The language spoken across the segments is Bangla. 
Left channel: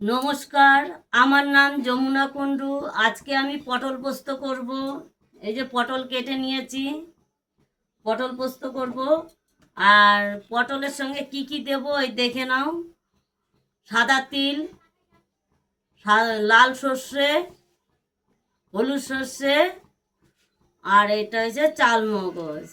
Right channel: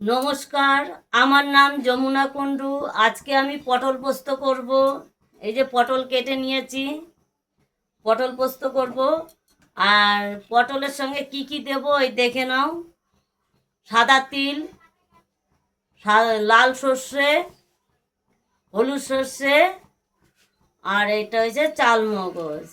নমস্কার, আমার নাম যমুনা কুণ্ডু। আজকে আমি পটল পোস্ত করব। এই যে পটল কেটে নিয়েছি, পটল পোস্ত করব। আর পটলের সঙ্গে কি কি দেব এই দেখে নাও। সাদা তিল, লাল সর্ষে, হলুদ সর্ষে, আর এটা হচ্ছে চালমগজ।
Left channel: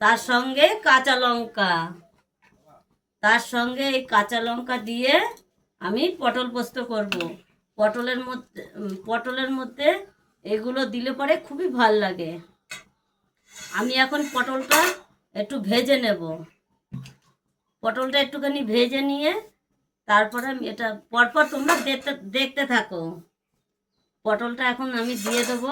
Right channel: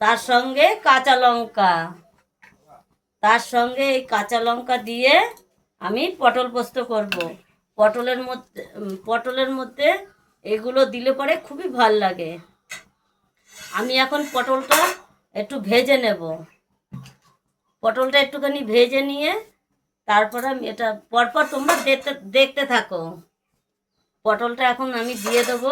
তার সঙ্গে কাঁচা লঙ্কা, এই কাঁচা লঙ্কা দিয়ে আমি পটল পোস্ত করব। পটলের মধ্যে এগুলো দিলে পরে খুবই ভাল লাগে। আমি এখন পটলটা একটু ভেজে নেব। পটলটা একটুখানি ভেজে নিয়ে তারপরে আমি এটা পরপর তোমরা দেখতে দেখতে থাকো। পটলটা এখন আমি দিয়ে দেবো।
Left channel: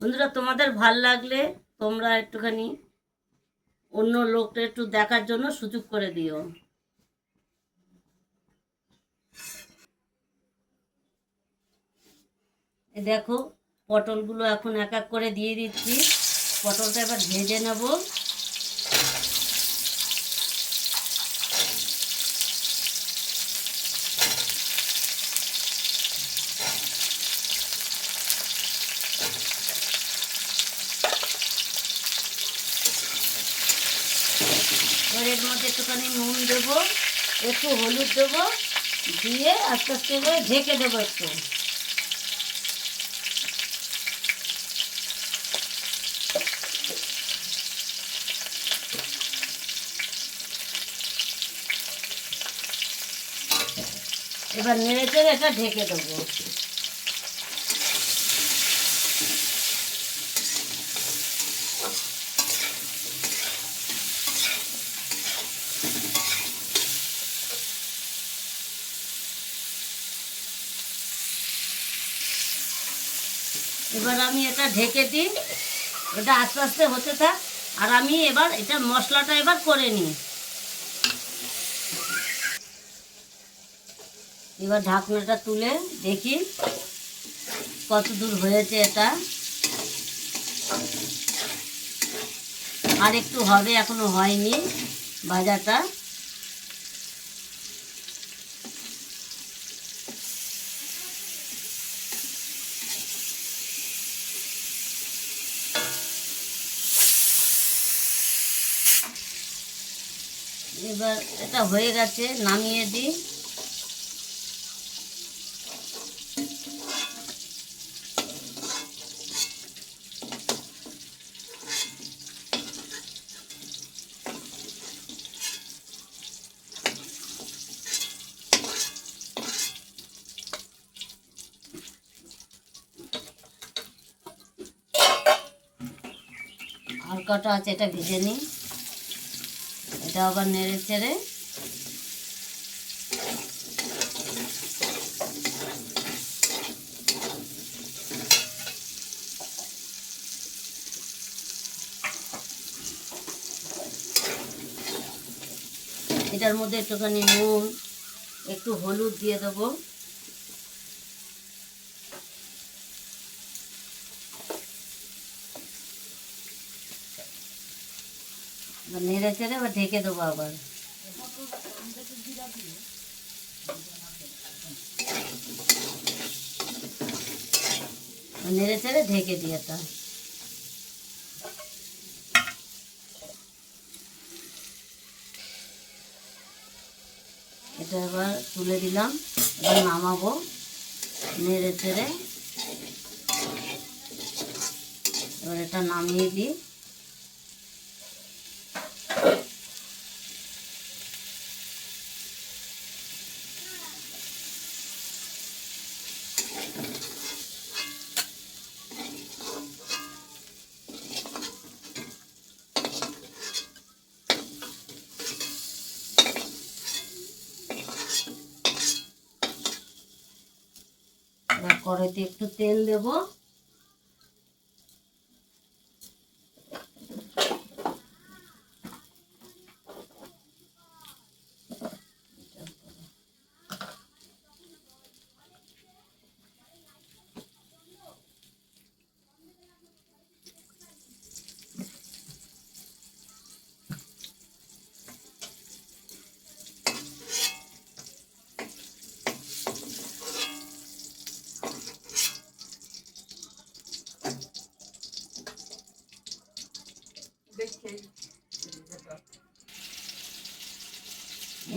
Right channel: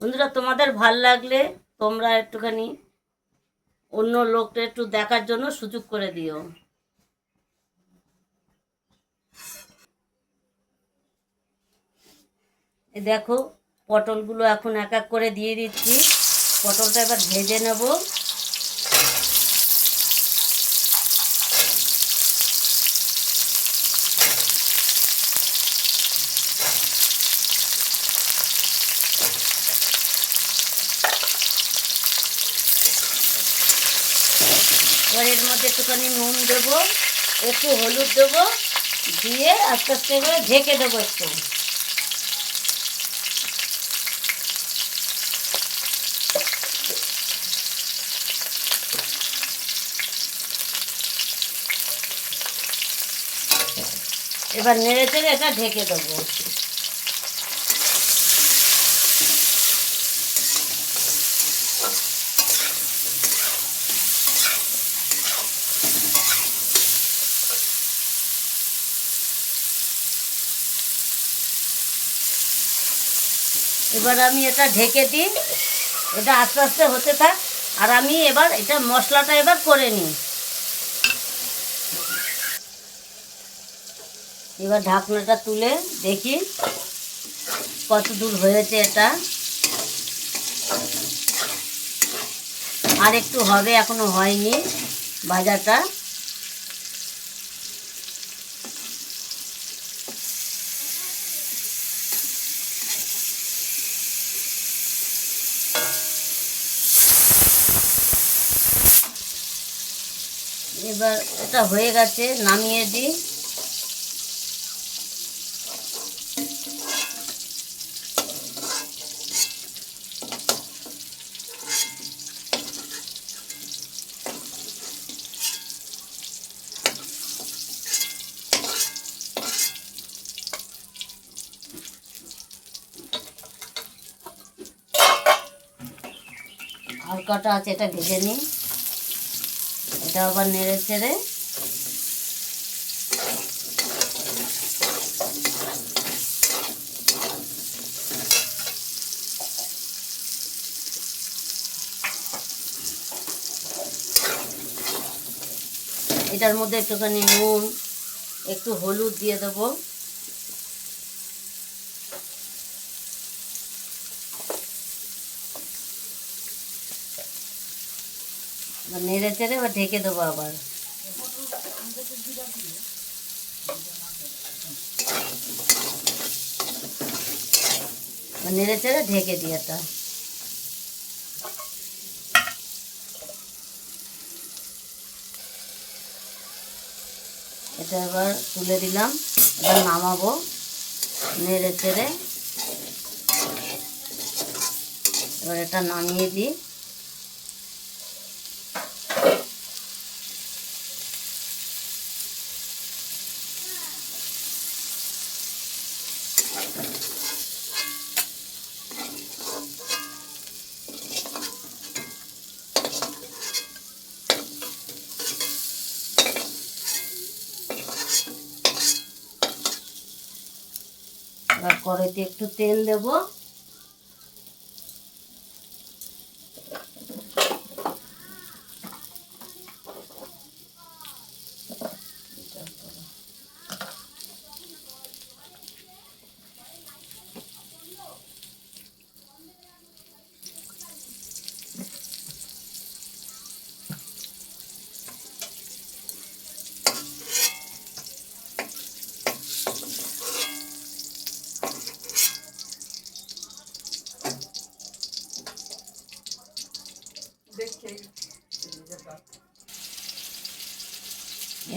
বন্ধুরা, তোমাদের ভাল লাগলে তোমরা একটুখানি অন্য লোকটা একটু দেখার জন্য সুযোগ করে দিও। এই দেখো, পটলগুলো এখন এক এক করে দিয়ে দিচ্ছি। পটলটা এবার ভেজে নেব। এবার এর মধ্যে একটুখানি নুন দেবো, একটু হলুদ দেবো, দিয়ে আস্তে আস্তে করে ঢেকে দেবো একটু। এবার নেড়ে চেড়ে এটা ঢেকে দেবো। এবার আমি এটা ঢেকে দিই, এটা আস্তে আস্তে হতে থাক। আর আমি এবার এটা মশলাটা এবার করে নিই। এবার ঢাকনাটা তুলে দেখি কত দূর হয়েছে এটা। আর একটু হবে, এখনো হয়নি ভাজাটা। এবার এটা হয়ে গেছে, নামিয়ে দিই। হালকাটা আছে, এটা ভেজে নিই। এটা আবার নেড়ে চেড়ে এটার মধ্যে একটুখানি নুন, একটু হলুদ দিয়ে দেবো। নেড়ে চেড়ে এবার ঢেকে দেবো আবার। নেড়ে চেড়ে ঢেকে দিই এটা। এটা এবার তুলে দিলাম, এবার নামাবো। নেড়ে চেড়ে এবার এটা নামিয়ে দিই। এবার কড়াইতে একটু তেল দেব।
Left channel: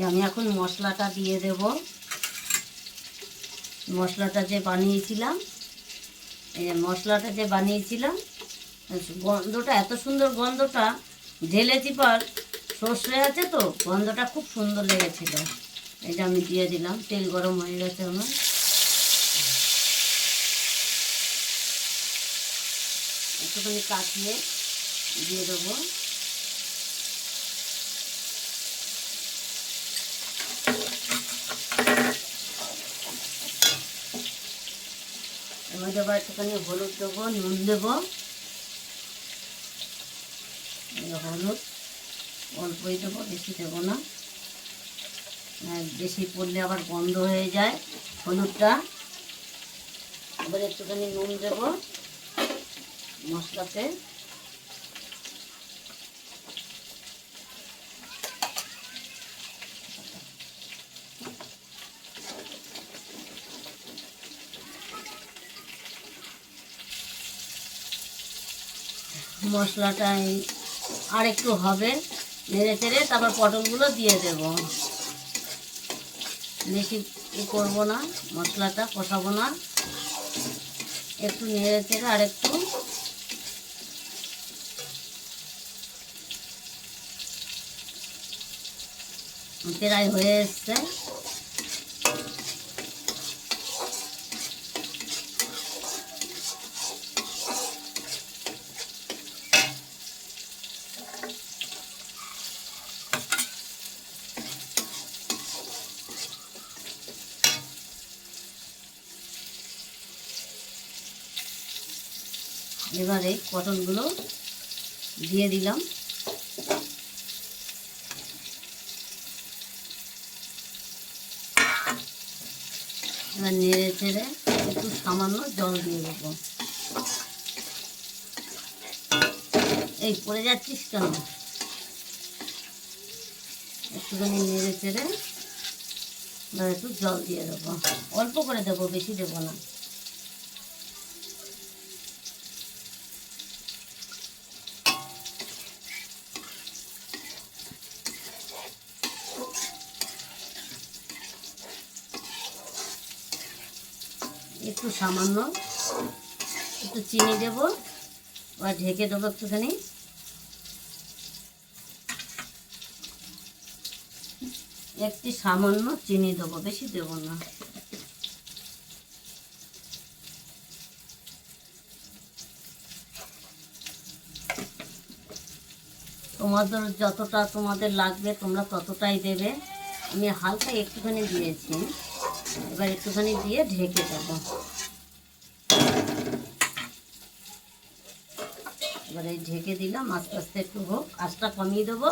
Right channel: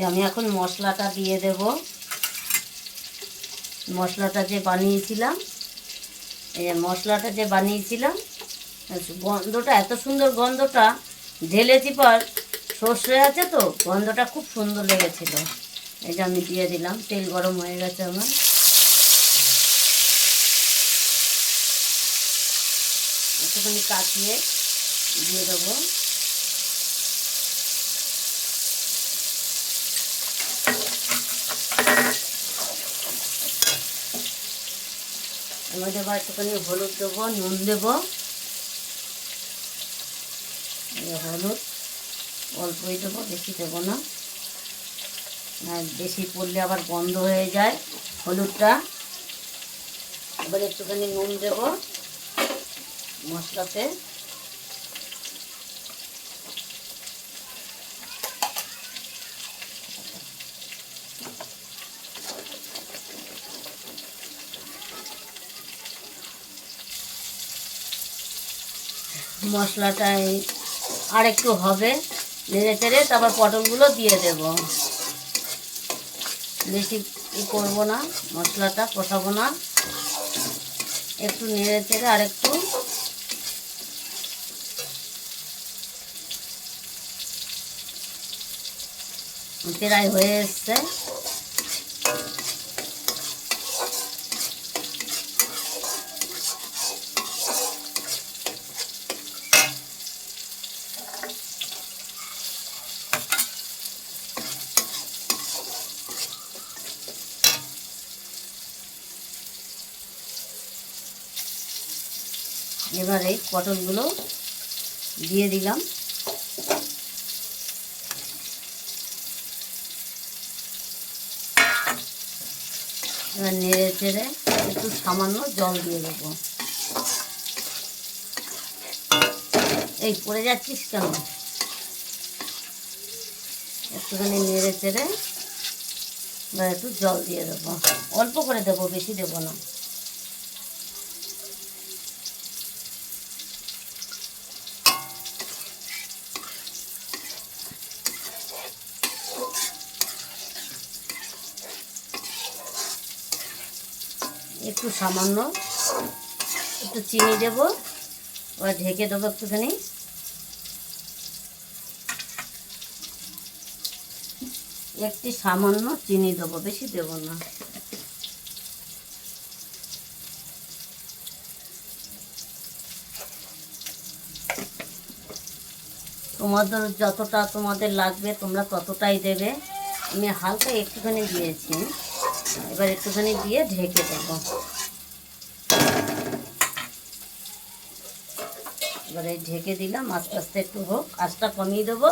আমি এখন মশলাটা দিয়ে দেব। মশলাটা যে বানিয়েছিলাম, এই যে মশলাটা যে বানিয়েছিলাম, গন্ধটা এত সুন্দর, গন্ধটা ঢেলেছি পর সর্ষে আছে তো, গন্ধটা খুব সুন্দর লেগেছিল। এটা আমি দিয়ে দিলাম। তেল গরম হয়ে গেছে আমার। একটুখানি কাটিয়ে দিয়ে দেবো। এবার আবার একটুখানি হলুদ দেবো, নুন দেবো। হলুদ অল্পই দেবো, বেশি দেবো না, বেশি পড়লে আবার বন্ধ হয়ে যায় হলুদটা। এবার একটুখানি নুন দেবো মশলাতে। মশলাটাই আর একটু হবে, নেড়ে চেড়ে তারপর পটলগুলো দিয়ে দেব। বেশি করবো না, মশলাটা কষাবো না, একটু নেড়ে চেড়ে আর একটু। প্রায় হয়ে এসছে। এবার এই পটলগুলো দিয়ে দিলাম। এবার নেড়ে চেড়ে একটু সামান্য জল দিয়ে দেবো। এই পড়ে যাচ্ছিস কেন? একটুখানি নেড়ে চেড়ে এবার একটু জল দিয়ে দেবো। অল্প করে দেবো, বেশি দেবো না। একটু সামান্য একটু চিনি দেবো, এবার ঢেকে দেবো একটুখানি। একটু সামান্য চিনি দেবো, বেশি দেবো না। তোমাদের যতটা তোমাদের লাগবে তোমরা ততটাই দেবে। আমি হালকা একটুখানি দিয়েছি, এবার একটুখানি দিয়ে ঢেকে দেবো। এবারে ঢেকে দিলাম, আস্তে আস্তে একটু হোক, আঁচটা কমিয়ে দেবো।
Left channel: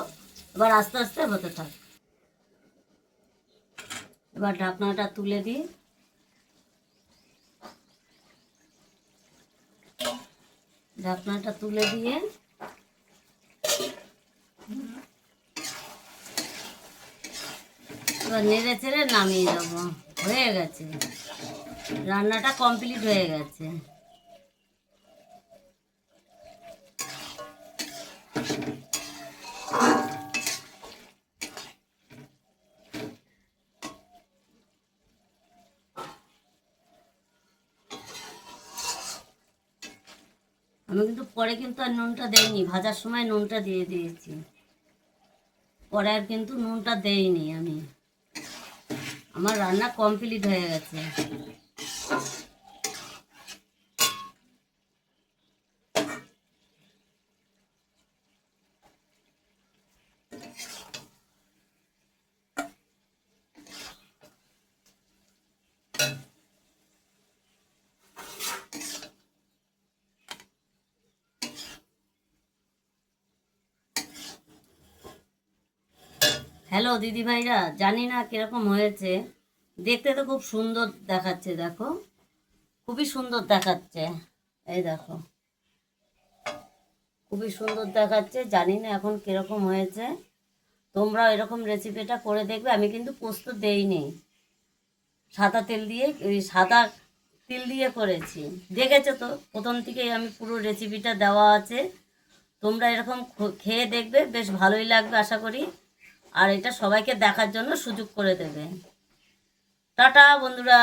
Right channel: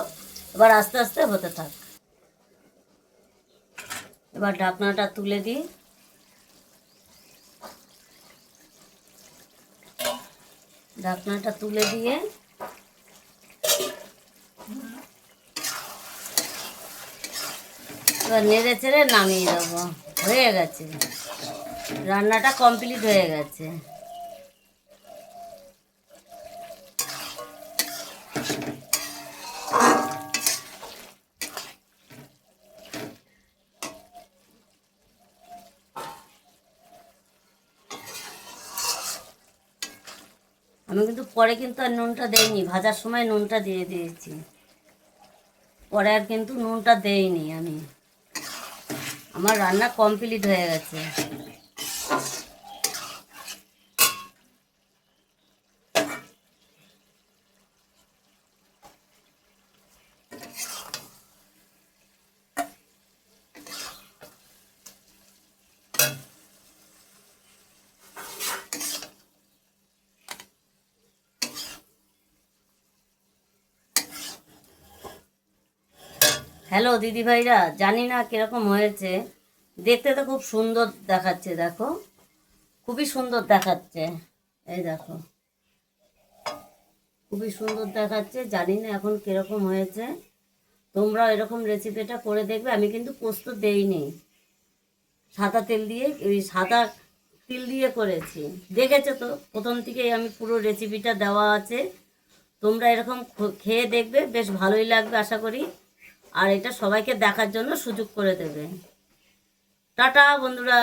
এবার আস্তে আস্তে হতে থাক। এবার ঢাকনাটা তুলে দিই। ঢাকনাটা তুলে দিয়ে এবার নেড়ে চেড়ে নামিয়ে দেবো। হয়ে গেছে, রান্নাটা কমপ্লিট হয়ে গেছে। আমি কিন্তু পরে কিন্তু আর নুনটা দেইনি, ভাজার সময় নুনটা দিয়ে দিয়েছি, পরে আর কিন্তু নুনটা দেইনি আমি। আমার রান্না কমপ্লিট হয়ে গেছে। হ্যালো দিদি ভাইরা, জানি না কিরকম হয়েছে, দেখতে তো খুব সুন্দর দেখাচ্ছে। দেখো, খুবই সুন্দর দেখাচ্ছে। এই দেখো, খুবই সুন্দর দেখাচ্ছে। জানি না এখন কিরকম হয়েছে। তোমরা এরকম রেসিপিটা করে দেখবে। আমি কিন্তু পোস্ত দেইনি, সাদা তেল দিয়ে, সাদা তিল দিয়ে করেছি। দেখেছো তো, প্রথম থেকেই আমি পুরো রেসিপিটা দেওয়া আছে। তোমরা এরকম খেয়ে দেখবে, বেশ ভালোই লাগবে আশা করি। আর এটা সবাইকে দেখার জন্য সুযোগ করে দেবে। টাটা বন্ধুরা।